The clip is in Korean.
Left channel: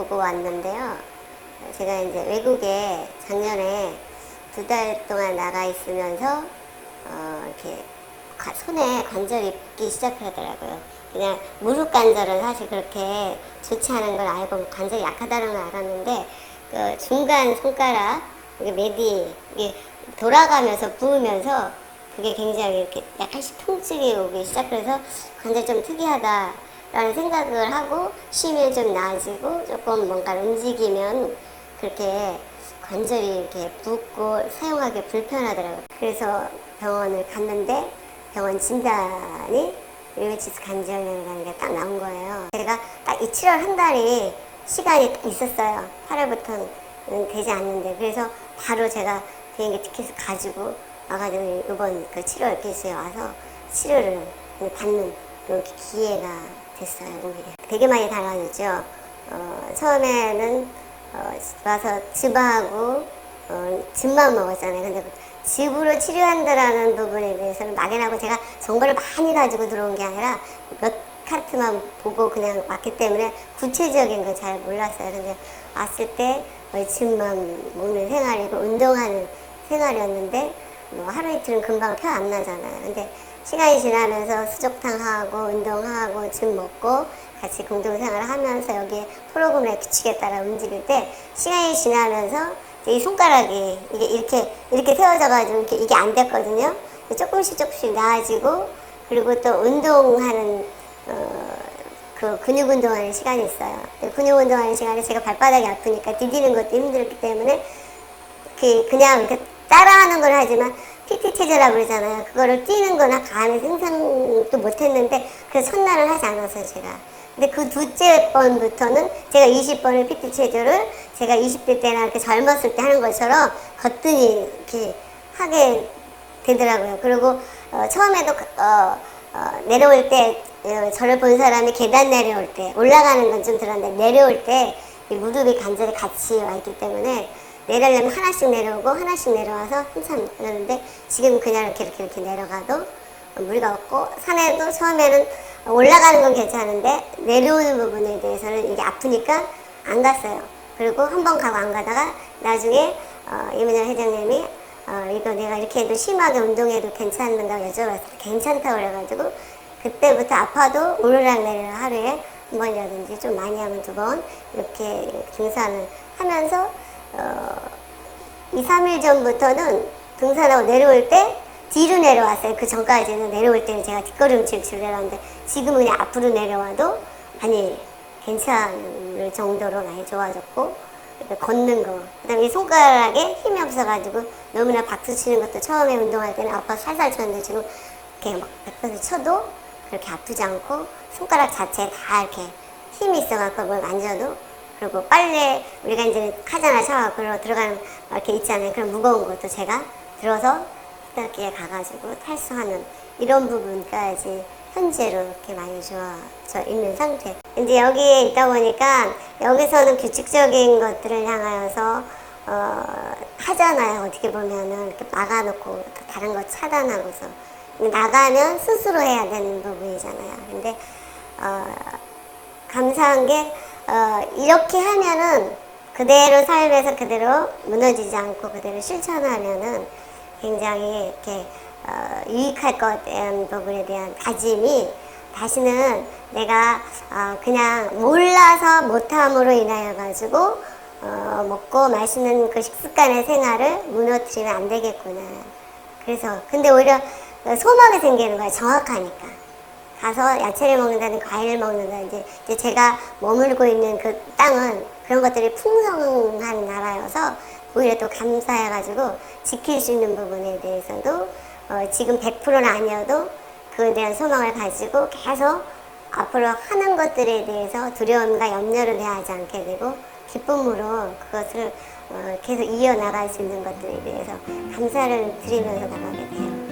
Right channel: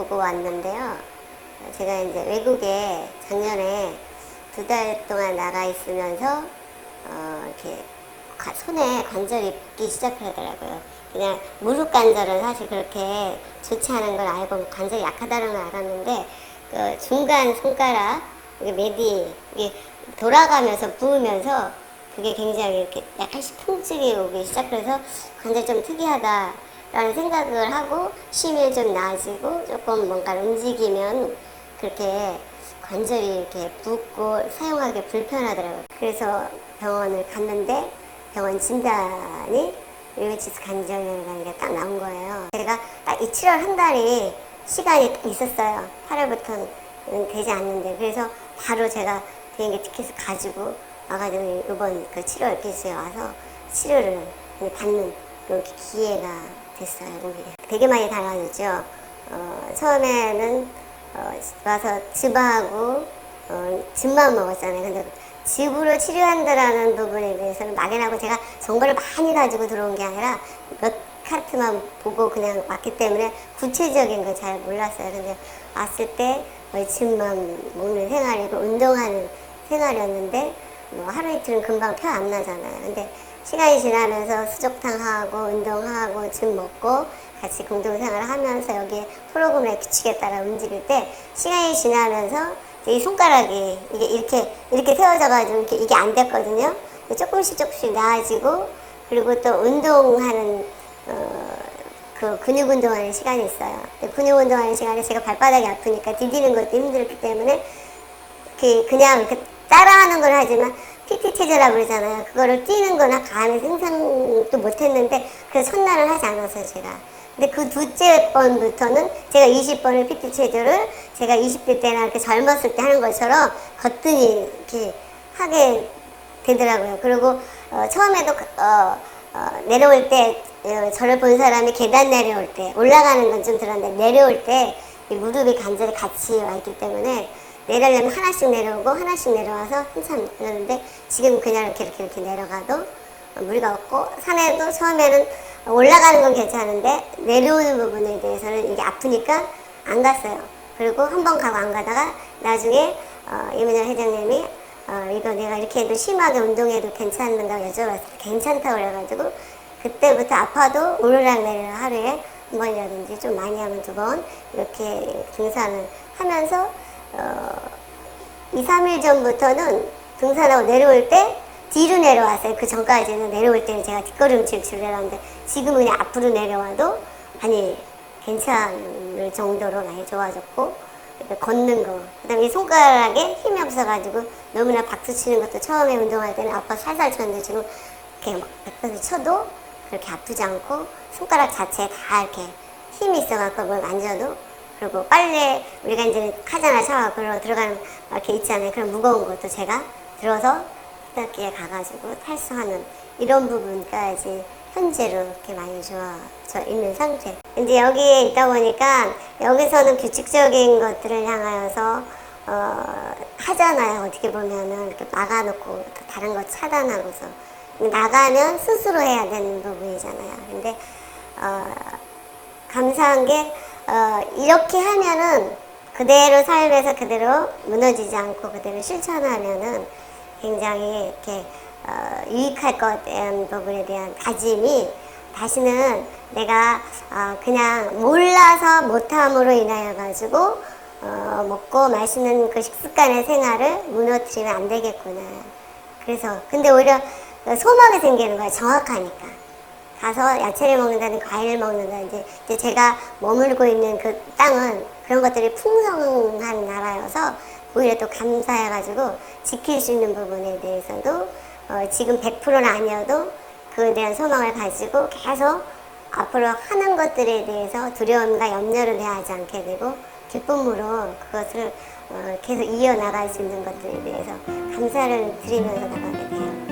보고 왔는데요. 제가 이제 외국에 작년에 두 달 동안 나가 있으면서 어, 이렇게 가- 손에 관절이 붓기 시작하더라고요. 그냥 무릎 관절은 사실 그렇게 좋지 않은 걸 알고 관절이 약하다는 걸 알았는데 어, 중간 손가락 메디 이게 돌아가면서 부으면서 그게 굉장히 이렇게 약간씩 통증이 오기 시작해서 관절 좀 특이하다 라는 생각을 하고 쉼이 좀 나아지고 조금 뭔가 움직이면 그렇게 관절이 이렇게 붓고 사용하기 불편하더라고요. 그래서 병원을 갔는데 병원 진단이 류마티스 관절염이라는 게 딱 나온 거예요. 제가 딱이 7월 한 달이 시간이 있었어요. 8월부터는 되지 않는데 그래서 바로 제가 비행기 티켓을 가지고 와가지고 이번 그 7월 기수에 와서 치료를 받는 그런 기회가 됐어요. 되게 많이 당황했죠. 어, 처음에는 어, 와서 즙하고 어, 즙만 먹었잖아요. 근데 즙으로 치료한다라는 부분에 대해서는 막연하고 제가 정보를 많이 가지고 들어온 게 아니라 몇 카르트만 보고 그냥 왔기 때문에 구체적인 걸잘 몰랐어요. 근데 왔을 때 어, 즙만 먹는 생활이고 운동하는 생활이었는데 뭐 하루 이틀은 금방 표안 나잖아요. 근데 시간이 지나면서 수족탕하고 운동하고 즙 먹고 같이 공동생활을 하면서 여기 프로그램에 규칙에 따라 움직일 때 시간이 지나면서 이 손가락이 이게 이렇게 이렇게 세워져가지고 이렇게 이게 안 됐거든요. 조금씩 조금씩 나아지고 그리고 또 운동하는 어, 그 근육 운동하는 시간이 있어요. 이 근육 운동하는 시간에 제가 발바닥이 아프니까 디디는 것도 힘들기 때문에 그 그냥 이렇게 따라하는 걸 하지만 PT 체제라고 그러잖아요. 그거를 뛰는 거나 가는 생산도 못했는데 그 선란을 하지 않았어요, 제가. 근데 그 둘째 번부터는 제가 20번을 PT 체제를 제가 20대 때나 이렇게 젊었을 때 하는 것처럼 거뜬히 이렇게 하게 되더라고요. 그리고 어, 처음에도 그- 어, 어, 내려올 때 어, 저를 본 사람이 계단 내려올 때 올라가는 건 좀 들었는데 내려올 때이 무릎이 관절이 같이 와 있기 때문에 내려려면 하나씩 내려오고 하나씩 내려와서 한참 그러는데 지금 그냥 이렇게 이렇게, 이렇게 내려가도 무리가 없고 산에도 처음에는 올라가는 건 괜찮은데 내려오는 부분에 대해서는 이게 아프니까 안 갔어요. 그리고 한 번 가고 안 가다가 나중에 어, 이문아 회장님이 어, 이거 내가 이렇게 해도 심하게 운동해도 괜찮은가 여쭤봐서 괜찮다고 그래가지고 그때부터 아파도 오르락내리락 하루에 두 번이라든지 좀 많이 하면 두 번 이렇게 등산을 하면서 어, 2, 3일 전부터는 등산하고 내려올 때 뒤로 내려왔어요. 그 전까지는 내려올 때는 제가 뒷걸음질 즐겨라는데 지금은 앞으로 내려와도 아니 괜찮을 정도로 많이 좋아졌고 걷는 거 그다음에 이 손가락에 힘이 없어가지고 너무나 박수 치는 것도 처음에 운동할 때는 아빠 살살 쳤는데 지금 이렇게 박수 쳐도 그렇게 아프지 않고 손가락 자체에 다 이렇게 힘이 있어갖고 뭘 만져도 그리고 빨래 우리가 이제 하잖아 샤워 그러고 들어가는 이렇게 있잖아요? 그런 무거운 것도 제가 들어서 세탁기에 가가지고 탈수하는 이런 부분까지 현재로 이렇게 좋아져 있는 상태. 이제 여기에 있다 보니까 여기서는 규칙적인 것들을 향하여서 어, 하잖아요. 어떻게 보면은 이렇게 막아놓고 이렇게 다른 거 차단하고서. 나가면 스스로 해야 되는 부분이잖아요. 근데 어, 감사한 게 어, 이렇게 하면은 그대로 삶에서 그대로 무너지지 않고 그대로 실천하면은 굉장히 이렇게 어, 유익할 것 대한 부분에 대한 다짐이 다시는 내가 어, 그냥 몰라서 못함으로 인하여 가지고 어, 먹고 마시는 그 식습관의 생활을 무너뜨리면 안 되겠구나. 그래서 근데 오히려 소망이 생기는 거예요. 정확하니까. 가서 야채를 먹는다든 과일을 먹는다든지 이제 제가 머물고 있는 그 땅은 그런 것들이 풍성한 나라여서 오히려 또 감사해가지고 지킬 수 있는 부분에 대해서도 어, 지금 100%는 아니어도 그에 대한 소망을 가지고 계속 앞으로 하는 것들에 대해서 두려움과 염려를 대하지 않게 되고 기쁨으로 그것을 어, 계속 이어나갈 수 있는 것들에 대해서 감사를 드리면서 나가게 돼요.